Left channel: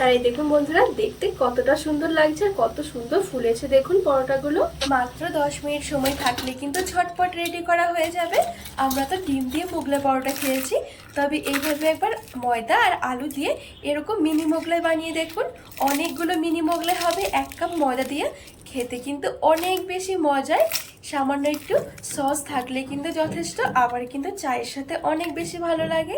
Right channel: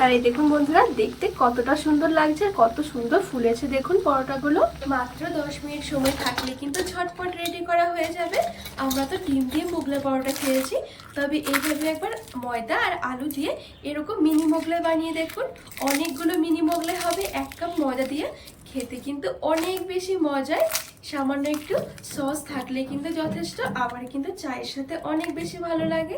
তাই দেখুন বন্ধুরা, দেখতে কতটা সুন্দর লাগছে আর কত সুন্দর ফুলেছে। দেখুন পরোটাগুলো। মাত্র দশ মিনিট সময় থাকলে কিন্তু ঝটপট রেডি করা হয়ে যাবে। আমরা তো ডিম দিয়ে মোগলাই পরোটা খেয়েছি। তবে এইভাবে একবার ময়দা আর আলু দিয়ে এরকম মিনি মোগলাই বানিয়ে দেখুন। অনেকগুলো মিনি মোগলাই হবে, এক কাপ ময়দা দিয়ে। খেতে কিন্তু অনেক বেশি মজায় সামান্য একটু সস থাকলে কিন্তু যথেষ্ট, আবার কিন্তু চায়ের সাথে অনেক বেশি ভালো লাগে।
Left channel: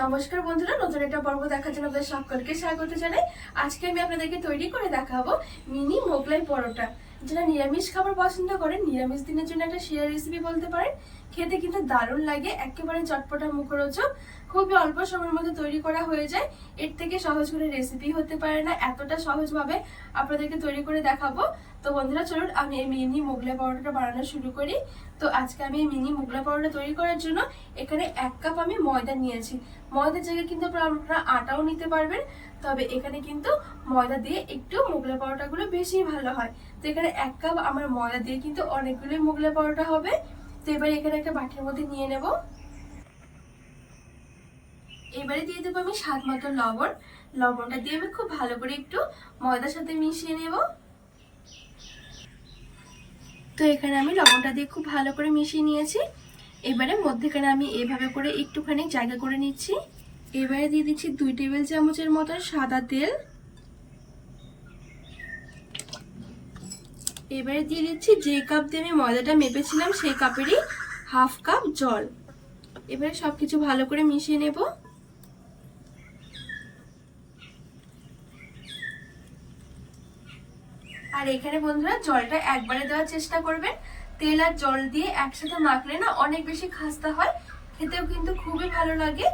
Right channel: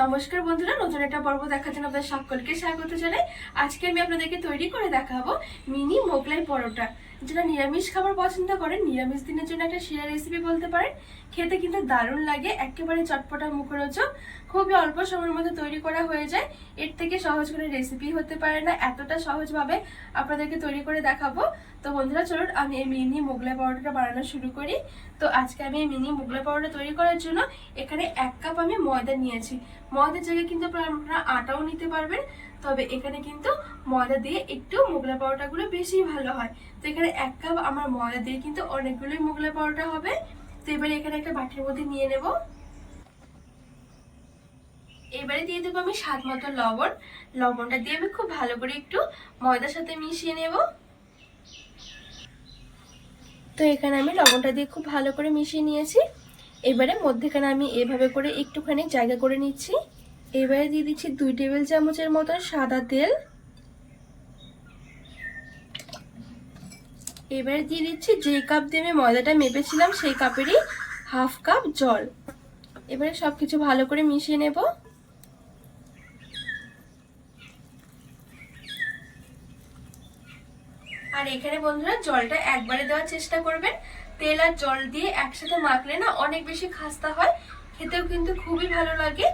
নমস্কার বন্ধুরা, নতুন একটা পর্ব দেখার জন্য আপনাদের সকলকে স্বাগত জানাই। আজকে আমি আপনাদেরকে তৈরি করে দেখাবো মিনি মোগলাই পরোটা। যারা নিরামিষ খাবার পছন্দ করেন, নিরামিষ দিনের জন্য একটা সেরা রেসিপি বলতে পারেন। খেতে কিন্তু দারুণ লাগে, একেবারে চটপটা মুখরোচক। খুবই অল্প সময়ের মধ্যে তৈরি করা হয়ে যায়। এর থেকে সহজ করে রেসিপি হতে পারে না, এতটা সহজভাবে আপনাদেরকে তৈরি করে দেখাবো। তো বন্ধুরা, চলুন আমি এই মিনি মোগলাই পরোটাটা বানানো শুরু করি। তো আজকে আমি এই মিনি মোগলাই পরোটা তৈরি করার জন্য এখানে এক কাপ আমি ময়দা নিয়েছি। ময়দার জায়গায় কিন্তু আপনারা আটাও নিতে পারবেন, তবে এখানে কিন্তু ময়দা দিয়ে একটু মোগলাই পরোটাগুলো বেশি ভালো হয়। তো এখানে এক কাপ আমার ময়দা দিয়ে কিন্তু অনেকগুলোই মোগলাই পরোটা হবে। তো এবারে এখানে একটা বাটির মধ্যে নিয়ে নেব। এবারে দিয়ে দেবো আমি স্বাদ মতো লবণ। লবণটা দিয়ে আমি খুব ভালো করে একটু ময়দার সাথে মিশিয়ে নেব। তো এখানে আমি লবণটা দিয়ে খুব ভালো করে মিশিয়ে নিয়েছি। এবারে মধ্যেখানে আমি এভাবে করে একটুখানি জায়গা করে নিচ্ছি। এবারে দিয়ে দিচ্ছি দুই টেবিল চামচের মতন সাদা তেল। এবারে দিয়ে দিচ্ছি যে কাপ দিয়ে আমি ময়দাটা মেপেছিলাম, সেই কাপেরই হাফ কাপ জল। এবারে সবকিছু ভালো করে মিশিয়ে নেব আর এখানে বন্ধুরা জলটা একবারে দেওয়ার চেষ্টা করবেন। তেল আর জল দিয়ে একসাথে মাখলে না অনেক বেশি খাস্তা হয়, খেতেও কিন্তু খুবই ভালো লাগে।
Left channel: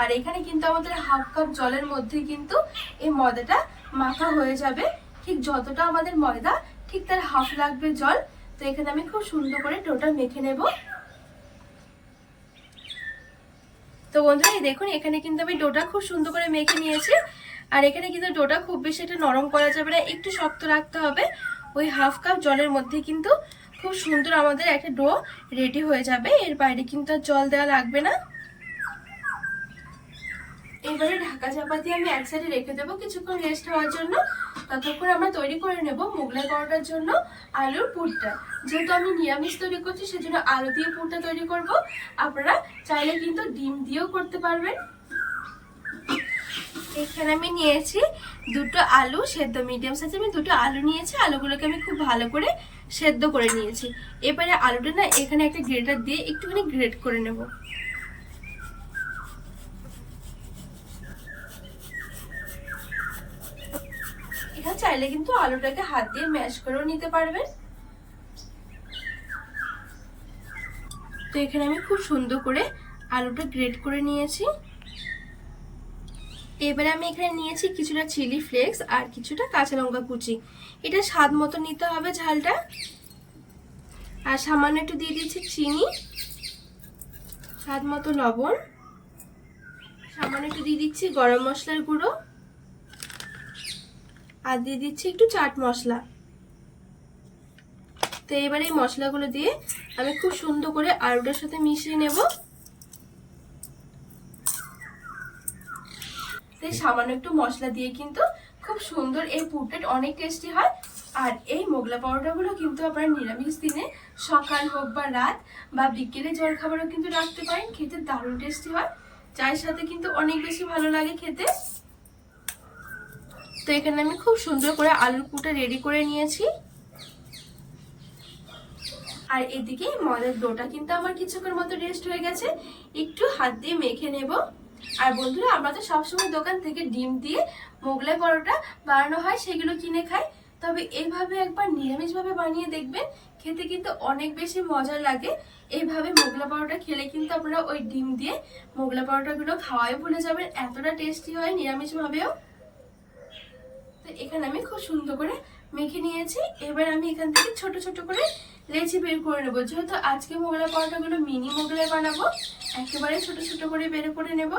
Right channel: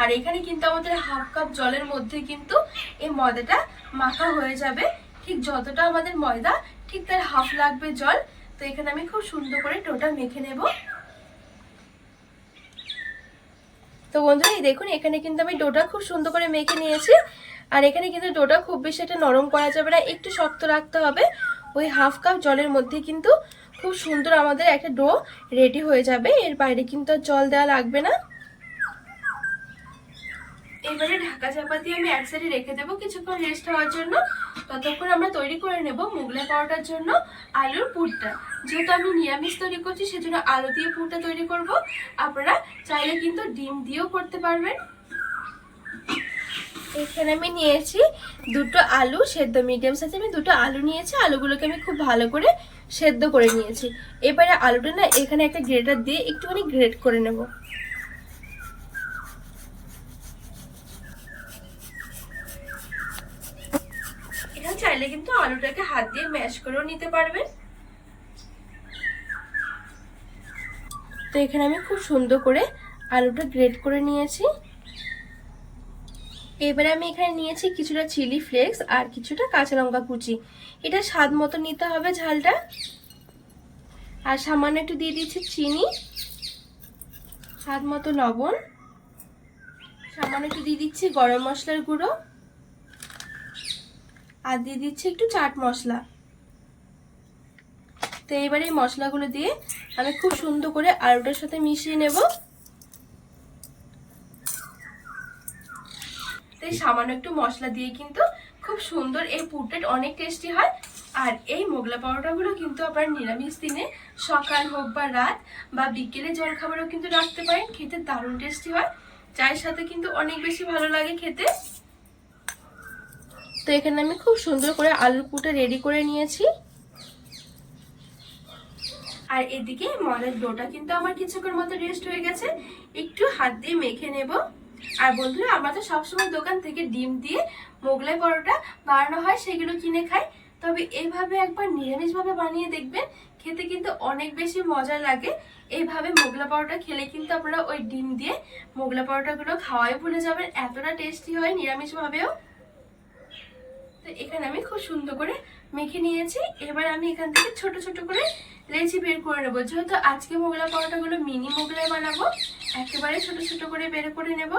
আর এখানে কিন্তু আমাদের হাফ কাপ জলের মধ্যে কিন্তু এই ময়দাটা মাখা হয়ে যাবে। ঠিক যতটা আমাদের ময়দা, ঠিক তার হাফ লাগবে জল। তো এখানে আমি খুব সুন্দর করে ডোটা মেখে নেব। তো বন্ধুরা দেখুন, এখানে কিন্তু আমি ডোটা খুব সুন্দর করে মেখে নিয়েছি। আর এখানে কিন্তু ডোটা খুব বেশি একটা নরম করা যাবে না, একটু শক্ত রাখতে হবে। ওই হাফ কাপ জলের মধ্যে কিন্তু খুব সুন্দর আমাদের একটা ডো রেডি হয়ে যাবে। এর বাইরে কিন্তু আর জল দেওয়া লাগবে না। এবারে ঢাকা চাপাতি আমি এক সাইডে রেখে দেবো কিছুক্ষণ রেস্ট হওয়ার জন্য। ততক্ষণ আমরা তৈরি করে নেব মোগলাই পরোটার জন্য আলুর পুরটা। যেহেতু আমি নিরামিষ তৈরি করছি, সেজন্য আলু দিয়ে পুরটা তৈরি করব। আপনারা চাইলে কিন্তু ডিম দিয়েও করতে পারবেন। এখানে আমি নিয়েছি দুটো আলু সেদ্ধ মিডিয়াম সাইজে আমি দুটো আলু নিয়েছি, আলুগুলোকে আমি খুব ভালো করে সেদ্ধ করে নিয়েছি। এবারে আলুটা না এখানে একটা গ্রেটার দিয়ে একটুখানি গ্রেট করে নেব। এখানে চাইলে কিন্তু আলুটাকে হাত দিয়ে ম্যাশ করেও নিতে পারবেন। তো এখানে আমি খুব সুন্দর করে আলুটা গ্রেট করে নিয়েছি। এবারে আমি এখানে নিয়েছি কিছুটা চিলি ফ্লেক্স আর কিছুটা কাঁচা লঙ্কা কুচি। এটা স্বাদ মতো নিতে হবে ঝালটা। আর সামান্য একটু দিয়ে দিচ্ছি চিনি, স্বাদ মতো লবণ। সামান্য একটু দিয়ে দিচ্ছি গরম মশলার গুঁড়ো। আর দিয়ে দিচ্ছি একটু চাট মশলা। তো এবারে এই মশলাগুলো দিয়ে আমি খুব সুন্দর করে আলুটার সাথে মিশিয়ে নেব। তাই সামান্য একটু মশলা দিয়ে কিন্তু খুব সুন্দর এই পুরটা অনেক টেস্টি হয়। আর এই মোগলা পরোটাগুলো কিন্তু আপনার নিরামিষ দিনে সকাল হোক বা রাত বা বিকেলে জল খাবারও কিন্তু রাখতে পারেন, খেতে দারুণ টেস্টি হয়। চায়ের সাথে কিন্তু অনেক বেশি ভালো লাগে খেতে। তো এখানে আমি খুব সুন্দর করে আলুর পুরটা রেডি করে নিয়েছি। আর এদিকে ময়দার ডোটা কিন্তু আমার কিছুক্ষণ মতো রেস্ট হয়ে গেছে। একটু হাত দিয়ে মেখে নেব। আর বন্ধুরা, আমরা তো সবসময় দোকান থেকে ডিম দিয়ে মোগলাই পরোটা বানানো হয়, সেগুলো কিনে খাই। তবে এইভাবে একবার নিরামিষভাবে বানিয়ে দেখবেন, খেতে কিন্তু অনেক বেশি মজা লাগে। এইভাবে মোগলা পরোটা খেলে কিন্তু আপনারা ওই ডিম দিয়ে মোগলা পরোটাগুলো খাওয়াই ভুলে যাবেন, এতটা টেস্টি হয় নিরামিষভাবেও। তো এখানে আমি খুব সুন্দর করে মেখে নিয়েছি। এবার আমি এখান থেকে ছোট ছোট করে লেচি বের করে নেব। যেহেতু আজকে মোগলাই পরোটাগুলো মিনি মোগলাই বানাবো, একেবারে ছোট ছোট করে বের করে নেব।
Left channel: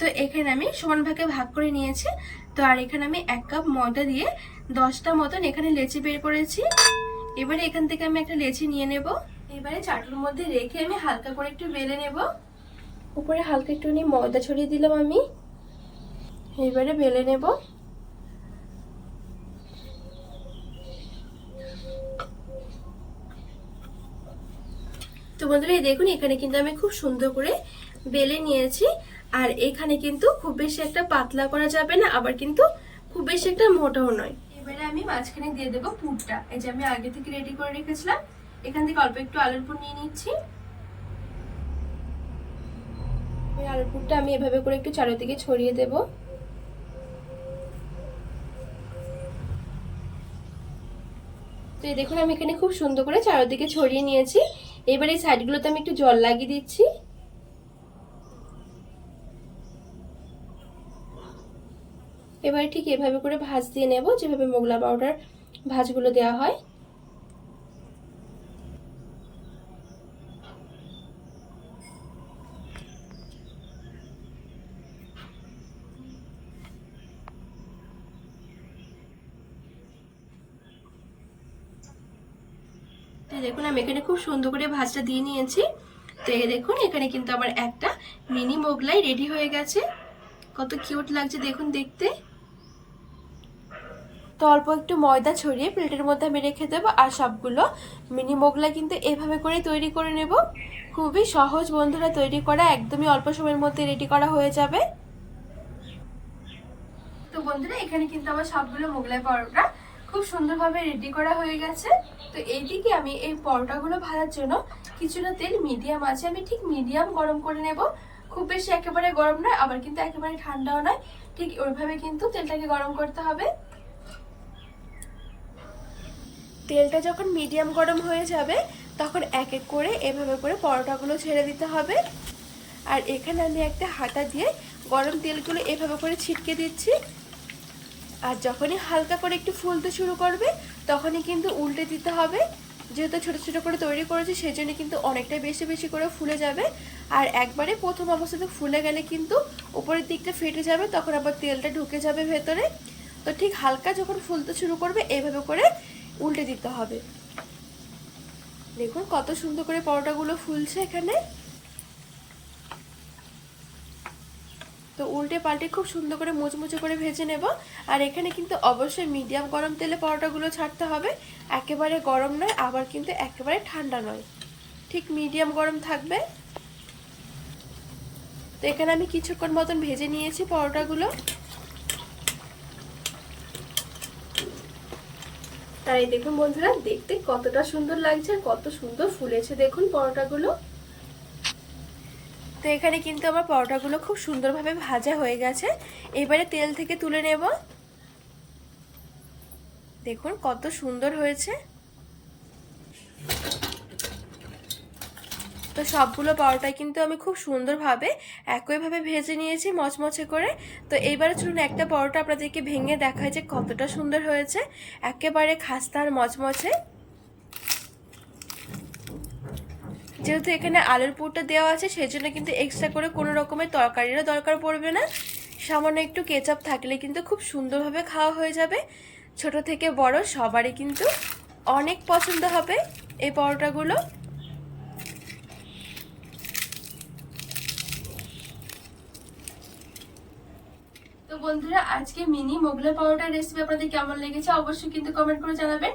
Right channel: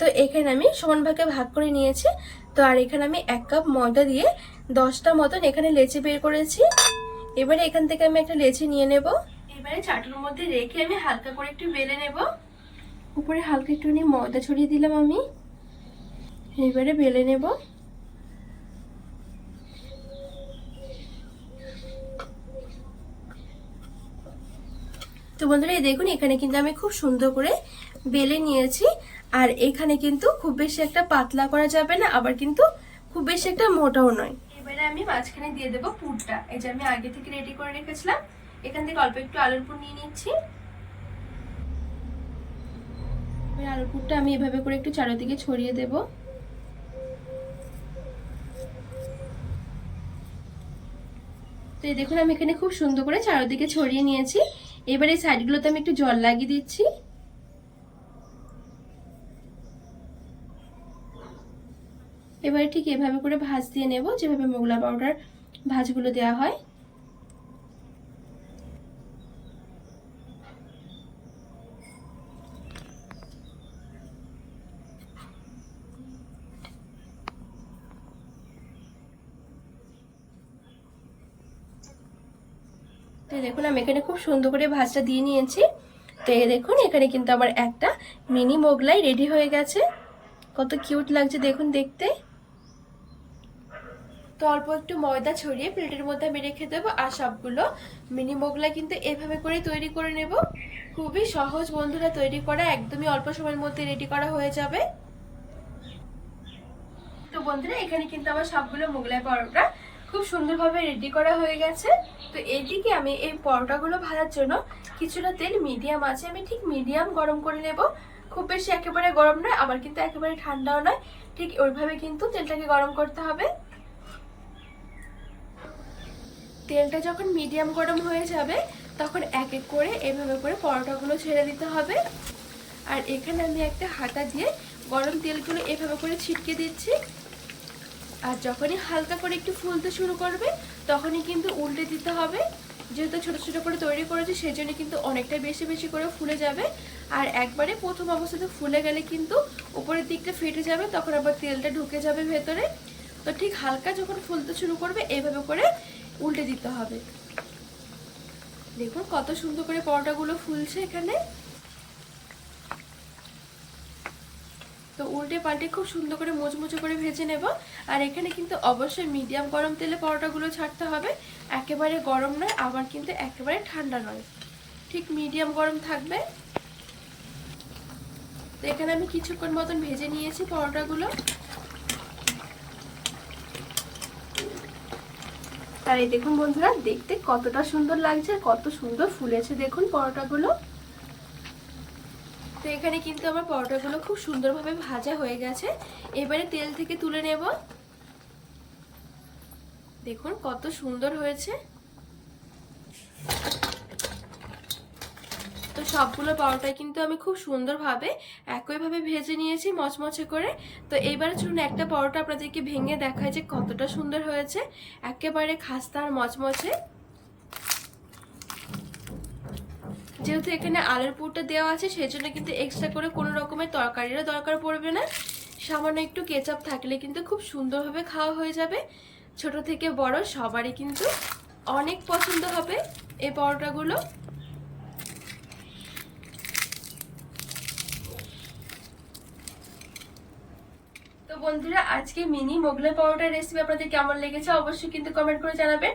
তো এখানে আমি সমান ভাগে ভাগ করে নিয়েছি। তো আর এখানে আমি এক কাপ ময়দা দিয়ে দশটা মতন এখানে লেচি বের করেছি। এবারে এখান থেকে আমি একটা লেচি নিয়ে নেব। এবার চাটুর মধ্যে রেখে আমি হালকা করে একটু বেলে নেব। উপরে হালকা একটুখানি ময়দা ছড়িয়ে দিলাম আমি। এবারে বেলে নেব। তো বন্ধুরা এই দেখুন এখানে কিন্তু আমি খুব সুন্দর করে বেলে নিয়েছি। আর এখানে কিন্তু খুব বেশি একটা পাতলা করা যাবে না আবার কিন্তু খুব বেশি একটা মোটাও নয়। এবারে আমি মাঝখানে দিয়ে দেবো পুরটা। এই যে আমি আগে থেকে রেডি করে রেখেছিলাম। এখান থেকে অল্প একটু আলুর পুর নিয়ে নিচ্ছি। আলুর পুরটা আমি এভাবে করে একটু চারিদিকে ছড়িয়ে দেব। তো এই দেখুন, আমি এখানে খুব সুন্দর করে চারিদিকে ছড়িয়ে নিয়েছি। এবার এই সাইডগুলোতে আমি একটু জল লাগিয়ে দিচ্ছি। এবারে ঠিক এভাবে করে ভাজ দিয়ে নেব, যেভাবে মোগলা পাউডার ভাজগুলো দেওয়া হয়। তো দেখুন, আমি এখানে খুব সুন্দর করে ভাজটা দিয়ে নিয়েছি। তো এই দেখুন, এখানে কিন্তু আমার একটা মিনি মোগলাই রেডি হয়ে গেছে। কত কিউট লাগছে দেখুন দেখতে। তো অল্প একটু ময়দা ছড়িয়ে প্লেটের মধ্যে আমি রেখে দেবো আর সবগুলো মিনি মোগলাই কিন্তু এভাবে করে তৈরি করে নেব। খুবই সহজ বন্ধুরা, তৈরি করা একদমই অল্প সময়ের মধ্যে রেডি করা হয়ে যাবে। তো বন্ধুরা, এখানে কিন্তু আমার সবগুলো মোগলাই পরোটা খুব সুন্দরভাবে রেডি করা হয়ে গেছে। তো এইদিকে আমি এই পরোটাগুলো ভাজার জন্য কিছুটা তেল মিডিয়াম আছে। আমি ঠিক মিডিয়াম গরম করে নেব। খুব বেশি একেবারে গরম নয়, আবার কিন্তু একেবারে ঠান্ডাও নয়। ঠিক ওইভাবে কিন্তু তেলটাকে গরম করতে হবে। তেলটা যখন মিডিয়াম গরম হয়ে যাবে, তখন এক এক করে এভাবে করে পরোটাগুলো ছেড়ে দিতে হবে। আর এখানে আমি একটা হাতা দিয়ে গরম তেলগুলো এভাবে করে ছিটকে দিচ্ছি। আর যখনই হালকা করে একটু ফুলতে শুরু করবে, তখনই কিন্তু উল্টে দিতে হবে। যেহেতু ছোট ছোট করে তৈরি করেছে সেই জন্য কিন্তু অনেকটাই বেশি বেশি করে ফুলে যাবে। আর একবারে প্রথম অবস্থাতে ফুলে গেলে কিন্তু উপরের দিকটা ফেটে যাবে, তখন আবার তেলটা ঢুকে যাবে ভেতরে। তো ঠিক হালকা যখন ফুলতে শুরু করবে, এভাবে করে উল্টে দিতে হবে। দেখুন কত সুন্দর করে পরোটাগুলো ফুলছে এখানে। তো উল্টে পাল্টে খুব সুন্দর করে মুচমুচে করে ভেজে নেব। আর এখানে কিন্তু অবশ্যই মিডিয়াম গরম তেলে পরোটাগুলো ছাড়তে হবে। একেবারে গরম নয়, আবার কিন্তু একেবারে ঠান্ডা নয়। ঠিক মিডিয়াম গরম থাকবে। তো এখানে আমি কিছুক্ষণ মতন ভেজে নিয়েছি পরোটাগুলো। তাই দেখুন বন্ধুরা, দেখতে কতটা সুন্দর লাগছে কত সুন্দর ফুলেছে। দেখুন পরোটাগুলো। তো এখানে কিন্তু আমার পরোটাগুলো খুব সুন্দরভাবে ভাজা হয়ে গেছে। এবারে তেল থেকে তুলে নেব। দেখুন কত সুন্দর হয়েছে। তো সবগুলো পরোটাই কিন্তু আমি খুব সুন্দরভাবে একইভাবে ভেজে নিয়েছি মচমচে করে। তো এইবারে চলুন একটা পরোটা আপনাদেরকে ভেঙে দেখায় যে কতটা সুন্দর হয়েছে। একেবারে খাস্তা আর মচমচে। যেহেতু এখানে আলুর পুরটা দেওয়া আছে, সেজন্য কিন্তু এক্সট্রা করে কোনো রকমের তরকারিরও দরকার পড়বে না। সামান্য একটু কেচাপ থাকলে কিন্তু খুব সুন্দরভাবে খাওয়া হয়ে যাবে। ছোট থেকে বড় সবারই কিন্তু অনেক পছন্দ হবে এই পরোটাগুলো। তো বন্ধুরা, আজকে মিনি মোগলাই পাউডার রেসিপি আপনাদের কেমন লেগেছে অবশ্যই কিন্তু কমেন্ট করে জানাবেন।